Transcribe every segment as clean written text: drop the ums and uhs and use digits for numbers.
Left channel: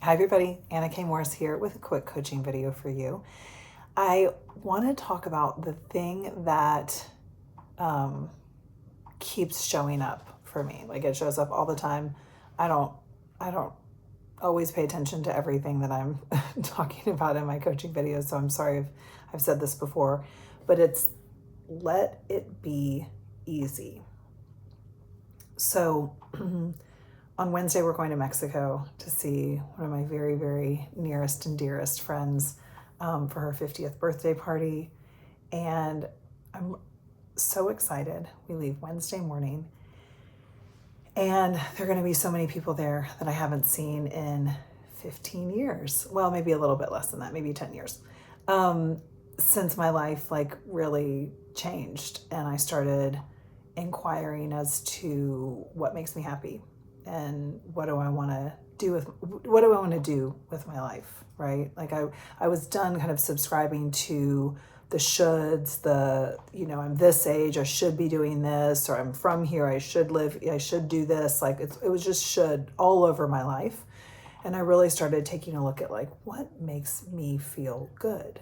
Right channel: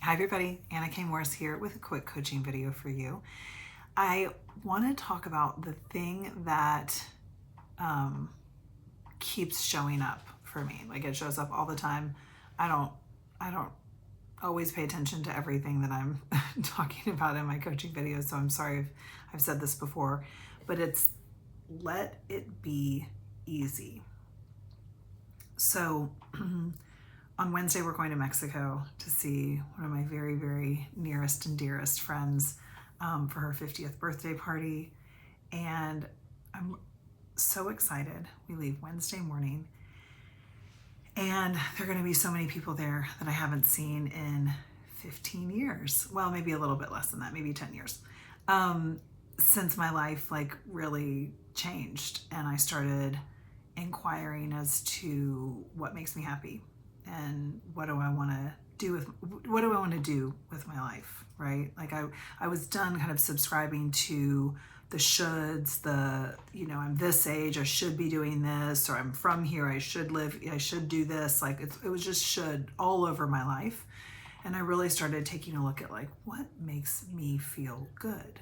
Hi everybody, Anna K. Morris here with a quick coaching video for you. I want to talk about the thing that keeps showing up for me. Like it shows up all the time. I don't always pay attention to everything that I'm talking about in my coaching videos, so I'm sorry if I've said this before, but it's let it be easy. So on Wednesday, we're going to Mexico to see one of my very, very nearest and dearest friends for her 50th birthday party. And I'm so excited. We leave Wednesday morning. And there are going to be so many people there that I haven't seen in 15 years. Well, maybe a little bit less than that, maybe 10 years. Since my life really changed and I started inquiring as to what makes me happy and what do I want to do with my life, right? Like I was done kind of subscribing to the shoulds, I'm this age, I should be doing this, or I'm from here, I should do this. Like it was just should all over my life. And I really started taking a look at what makes me feel good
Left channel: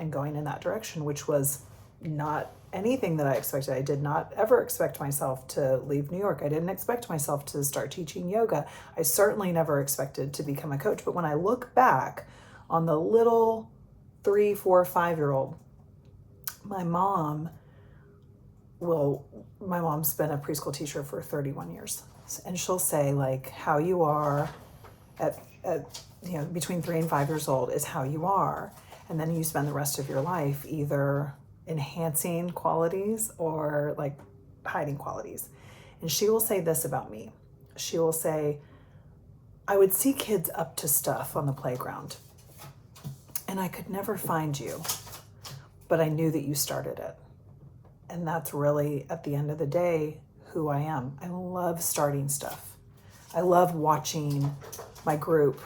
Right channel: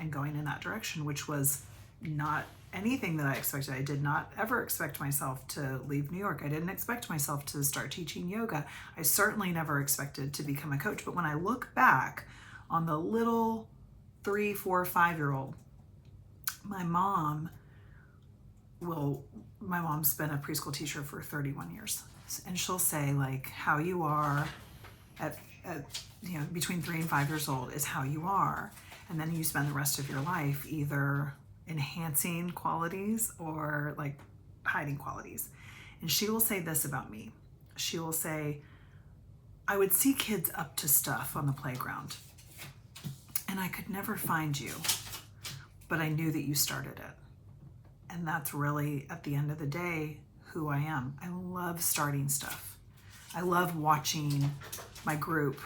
and going in that direction, which was not anything that I expected. I did not ever expect myself to leave New York. I didn't expect myself to start teaching yoga. I certainly never expected to become a coach. But when I look back on the little 3, 4, 5-year-old, my mom's been a preschool teacher for 31 years. And she'll say how you are at between 3 and 5 years old is how you are. And then you spend the rest of your life either enhancing qualities or hiding qualities. And she will say this about me. She will say, I would see kids up to stuff on the playground and I could never find you, but I knew that you started it. And that's really, at the end of the day, who I am. I love starting stuff. I love watching my group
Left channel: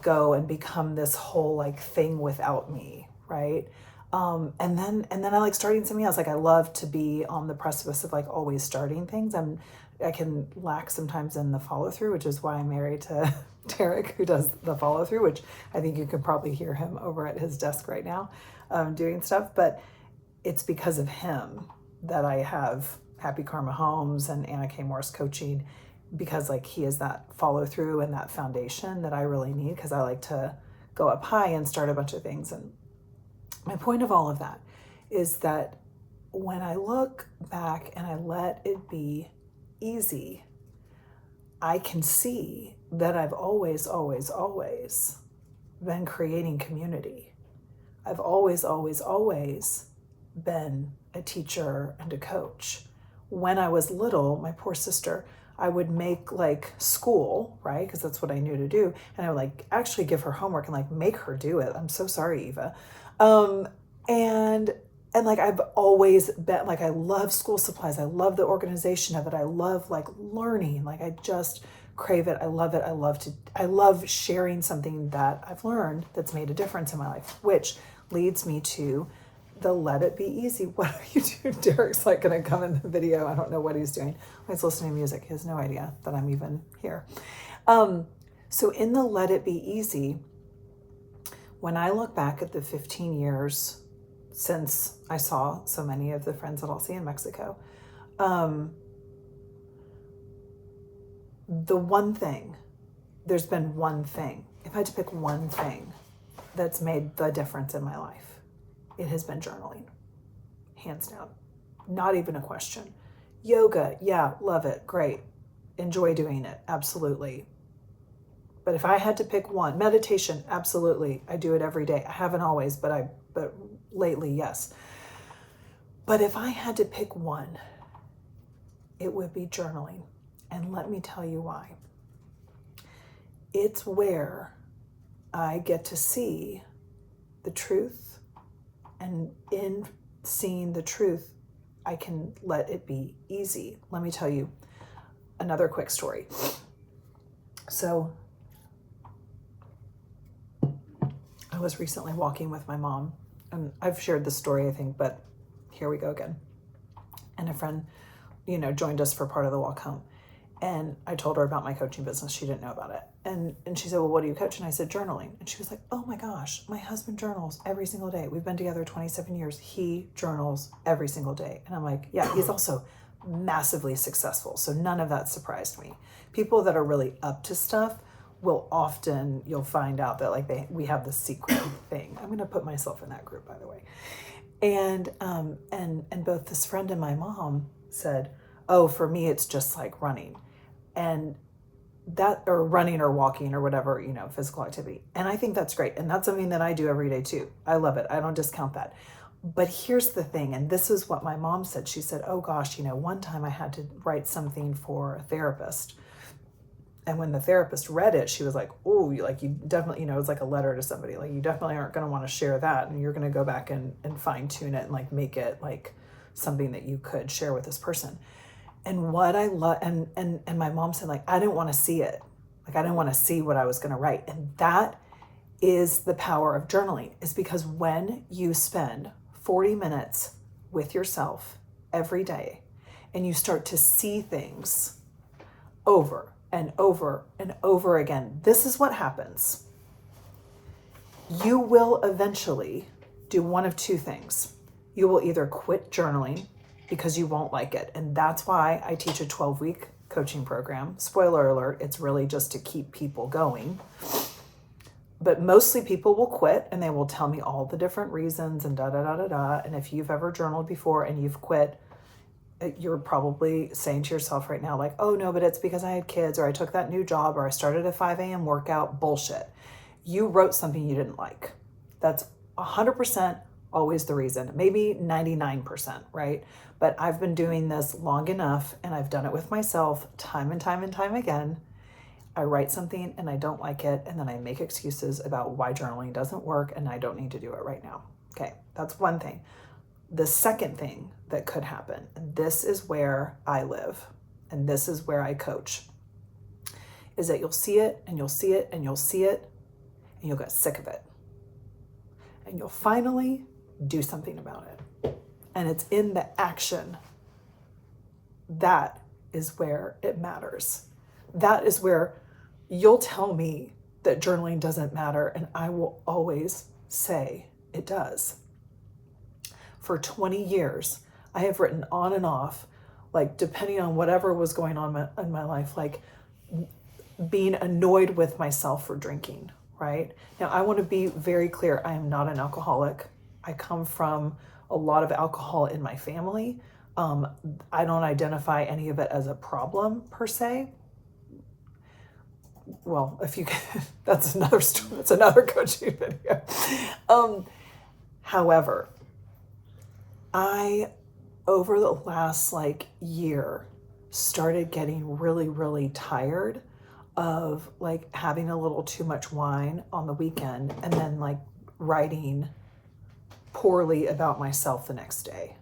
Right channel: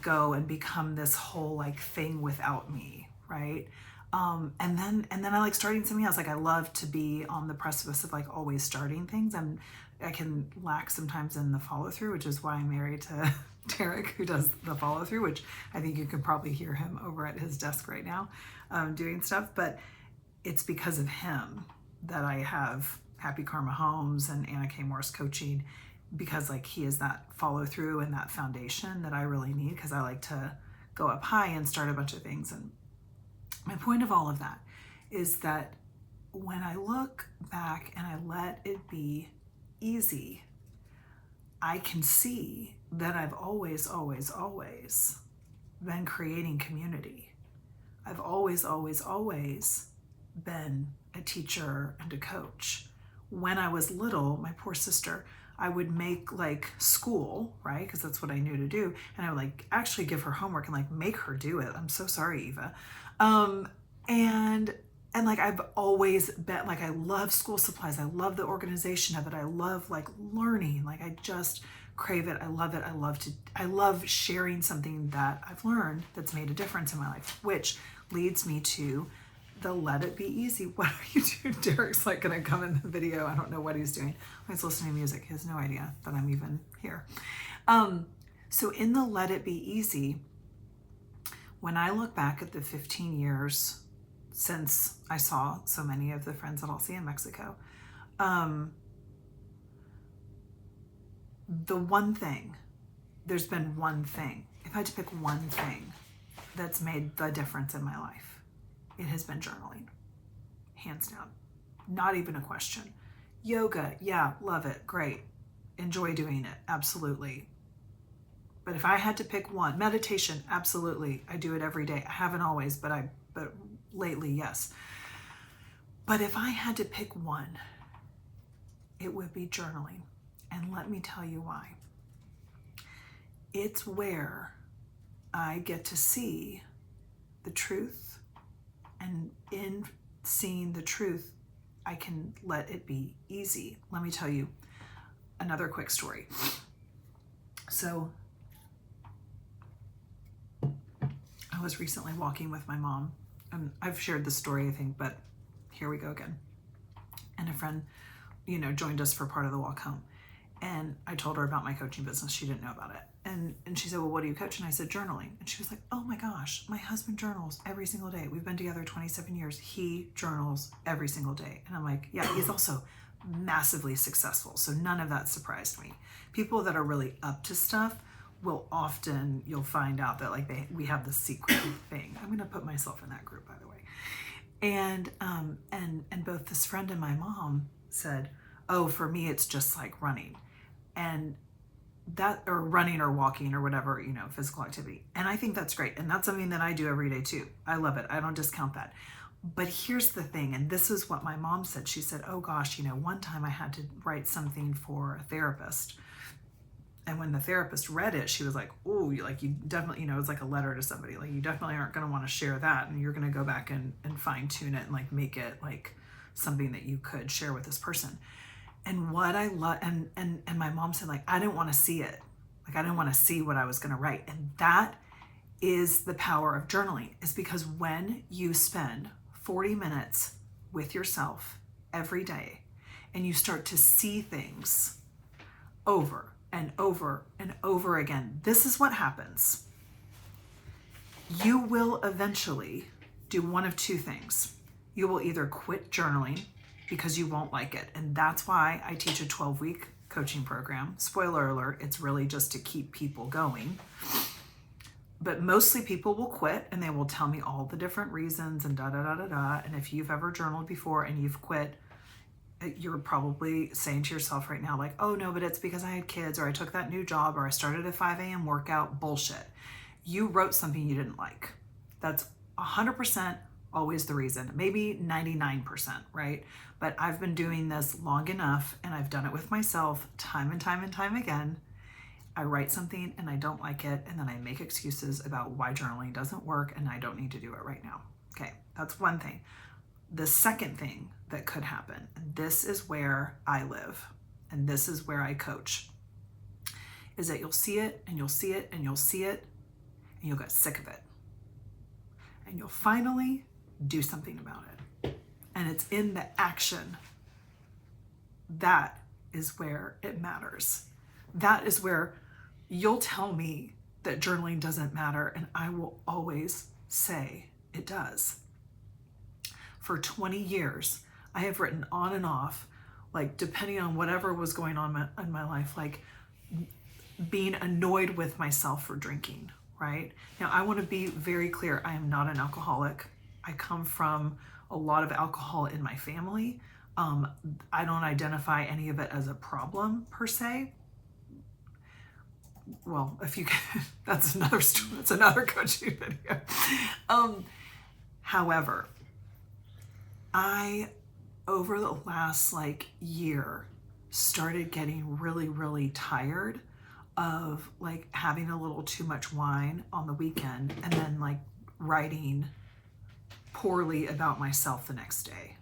go and become this whole thing without me, right? And then I like starting something else. I love to be on the precipice of always starting things. I can lack sometimes in the follow through, which is why I'm married to Derek, who does the follow through, which I think you can probably hear him over at his desk right now doing stuff. But it's because of him that I have Happy Karma Homes and Anna K. Morris Coaching, because he is that follow through and that foundation that I really need, because I like to go up high and start a bunch of things. And my point of all of that is that when I look back and I let it be easy, I can see that I've always, always, always been creating community. I've always, always, always been a teacher and a coach. When I was little, my poor sister, I would make school, right? Because that's what I knew to do. And I would actually give her homework and make her do it. I'm so sorry, Eva. And I've always been I love school supplies. I love the organization of it. I love learning. I just crave it. I love it. I love sharing something that I've learned that's made a difference in my life, which leads me to the let it be easy. What are you doing? Derek's gonna come in the video. I don't know what he's doing. He's listening to music. He has no idea that I'm even here. So in the let it be easy, when I look back at the 15 years since I saw so many of the friends that I'll see in Mexico, there's been one thing. If I had to pick one thing that's made the difference in my life, it has been journaling, hands down, not even a question. Yoga, yeah, love it, great, enjoy doing it, absolutely. But if I had to pick one, meditation, absolutely, I do it every day. I haven't always, but lately, yes. But if I had to pick one, it would be journaling. And let me tell you why. It's where I get to see the truth. And in seeing the truth, I can let it be easy. Let me tell you another quick story. So I was recently walking with my mom, and I've shared this story, I think, but here we go again. And a friend, joined us for part of the walk home. And I told her about my coaching business. She didn't know about it. and she said, well, what do you coach? And I said, journaling. And she was like, oh my gosh, my husband journals every single day. We've been together 27 years. He journals every single day. And I'm like, yeah, he's also massively successful. So none of that surprised me. People that are really up to stuff will often, you'll find out that like we have the secret thing. I'm going to put myself in that group, by the way. And both this friend and my mom said, oh, for me, it's just like running. And that, or running or walking or whatever, you know, physical activity. And I think that's great. And that's something that I do every day too. I love it. I don't discount that. But here's the thing. And this is what my mom said. She said, oh gosh, you know, one time I had to write something for a therapist. And when the therapist read it, she was like, oh, you definitely, you know, it's like a letter to somebody. Like you definitely aren't going to want to share that. And you're going to go back and fine tune it and like make it like something that you could share with this person. And what I love, and my mom said, like, I didn't want to see it. Like, I didn't want to see what I was going to write. And that is the power of journaling, is because when you spend 40 minutes with yourself every day and you start to see things over and over and over again, this is what happens. You will eventually do one of two things. You will either quit journaling because you won't like it. And that's why I teach a 12-week coaching program. Spoiler alert, it's really just to keep people going. But mostly people will quit and they will tell me all the different reasons and da-da-da-da-da. And if you've ever journaled before and you've quit, you're probably saying to yourself right now, like, oh no, but it's because I had kids, or I took that new job, or I started a 5 a.m. workout. Bullshit. You wrote something you didn't like. That's 100% always the reason, maybe 99%, right? But I've been doing this long enough and I've done it with myself time and time and time again. I write something and I don't like it, and then I make excuses about why journaling doesn't work and I don't need to do it right now. Okay, that's one thing. The second thing that could happen, and this is where I live and this is where I coach, is that you'll see it and you'll see it and you'll see it and you'll get sick of it. And you'll finally do something about it. And it's in the action. That is where it matters. That is where you'll tell me that journaling doesn't matter, and I will always say it does. For 20 years, I have written on and off, like depending on whatever was going on in my life, like being annoyed with myself for drinking, right? Now, I want to be very clear. I am not an alcoholic. I come from a lot of alcohol in my family. I don't identify any of it as a problem per se. Well, if you can, that's another story. That's another coaching video. However, I, over the last like year, started getting really, really tired of like having a little too much wine on the weekend and then like writing poorly about myself the next day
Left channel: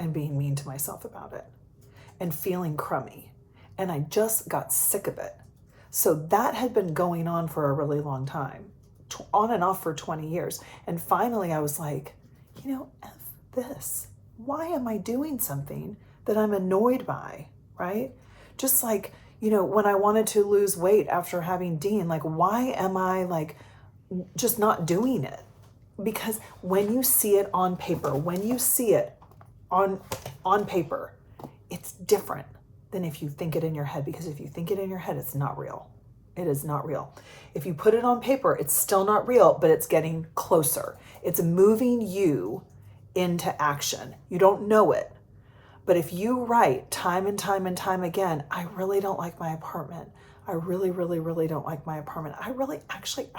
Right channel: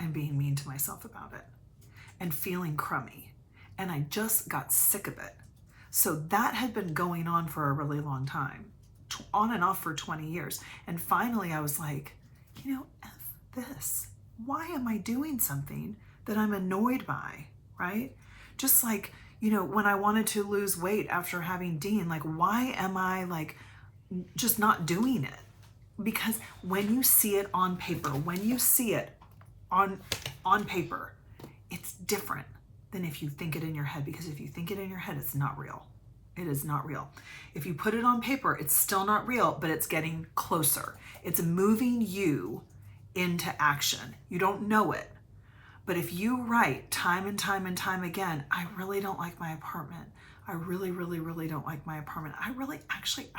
and being mean to myself about it and feeling crummy. And I just got sick of it. So that had been going on for a really long time, on and off for 20 years. And finally I was like, you know, F this. Why am I doing something that I'm annoyed by, right? Just like, you know, when I wanted to lose weight after having Dean, like, why am I like just not doing it? Because when you see it on paper, when you see it on paper, it's different than if you think it in your head, because if you think it in your head, it's not real. It is not real. If you put it on paper, it's still not real, but it's getting closer. It's moving you into action. You don't know it. But if you write time and time and time again, I really don't like my apartment. I really, really, really don't like my apartment. I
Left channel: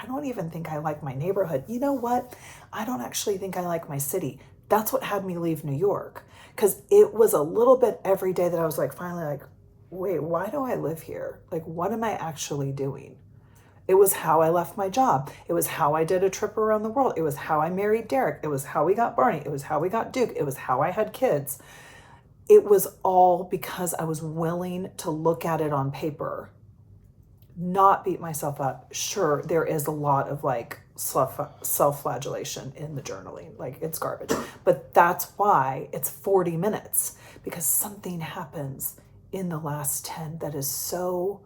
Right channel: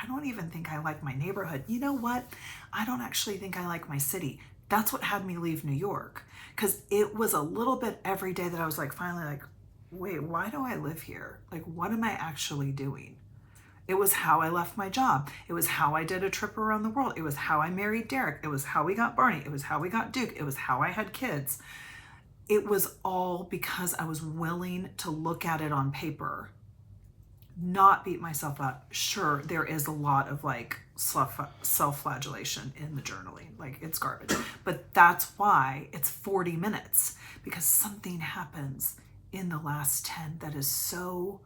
don't even think I like my neighborhood. You know what? I don't actually think I like my city. That's what had me leave New York. Because it was a little bit every day that I was like, finally like, wait, why do I live here? Like, what am I actually doing? It was how I left my job. It was how I did a trip around the world. It was how I married Derek. It was how we got Barney. It was how we got Duke. It was how I had kids. It was all because I was willing to look at it on paper, not beat myself up. Sure, there is a lot of like self-flagellation in the journaling, like it's garbage. But that's why it's 40 minutes, because something happens in the last 10 that is so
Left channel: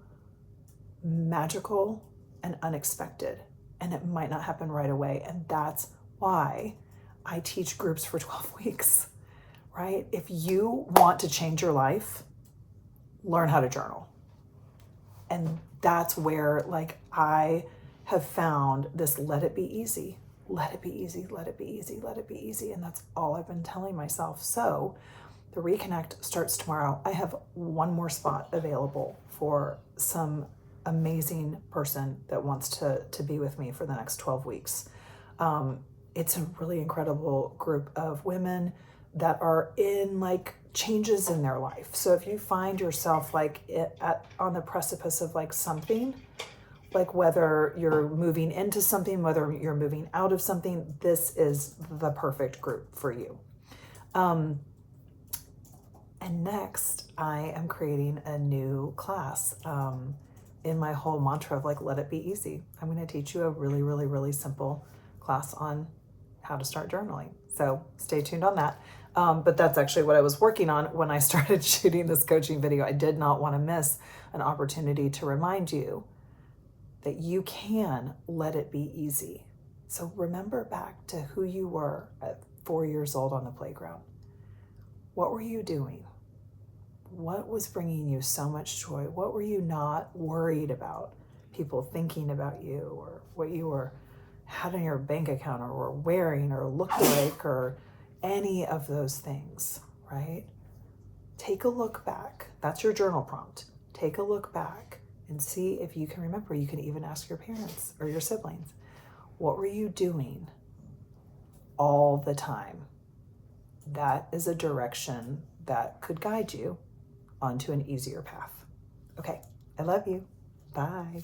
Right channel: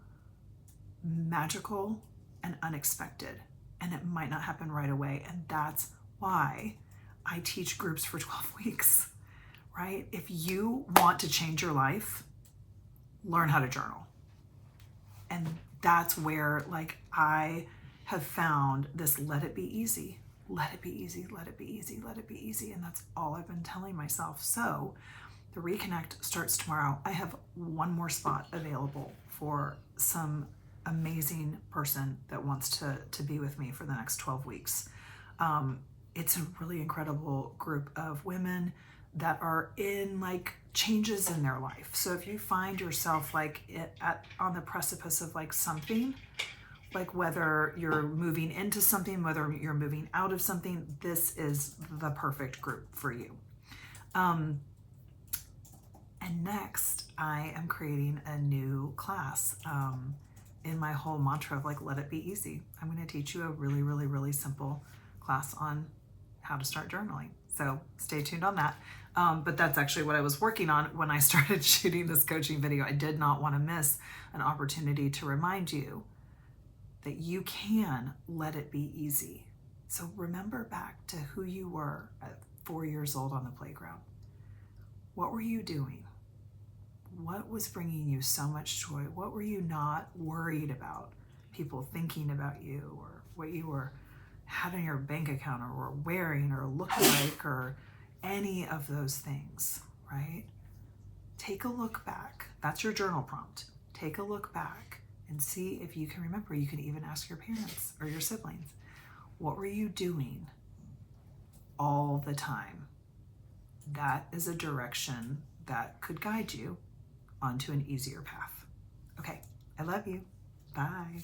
magical and unexpected, and it might not happen right away. And that's why I teach groups for 12 weeks, right? If you want to change your life, learn how to journal. And that's where, like, I have found this, let it be easy, let it be easy, let it be easy, let it be easy. And that's all I've been telling myself. So the Reconnect starts tomorrow. I have one more spot available for some amazing person that wants to be with me for the next 12 weeks. It's a really incredible group of women that are in like changes in their life. So if you find yourself like on the precipice of like something, like whether you're moving into something, whether you're moving out of something, this is the perfect group for you. And next, I am creating a new class in my whole mantra of like, let it be easy. I'm going to teach you a really, really, really simple class on how to start journaling. So stay tuned on that. But that's actually what I was working on when I started shooting this coaching video. I did not want to miss an opportunity to remind you that you can let it be easy. So remember back to who you were at 4 years old on the playground. What were you doing? What was bringing you so much joy? What were you not worried about people thinking about you, or what you had in your bank account, or were wearing, or looked like, or any of those things, right? Take a look back. That's your journal prompt. Take a look back and see if you can remember. You can even ask your parents or your siblings. What were you doing all the time? That is a direction that could guide you onto an easier path. Okay, I love you. Bye.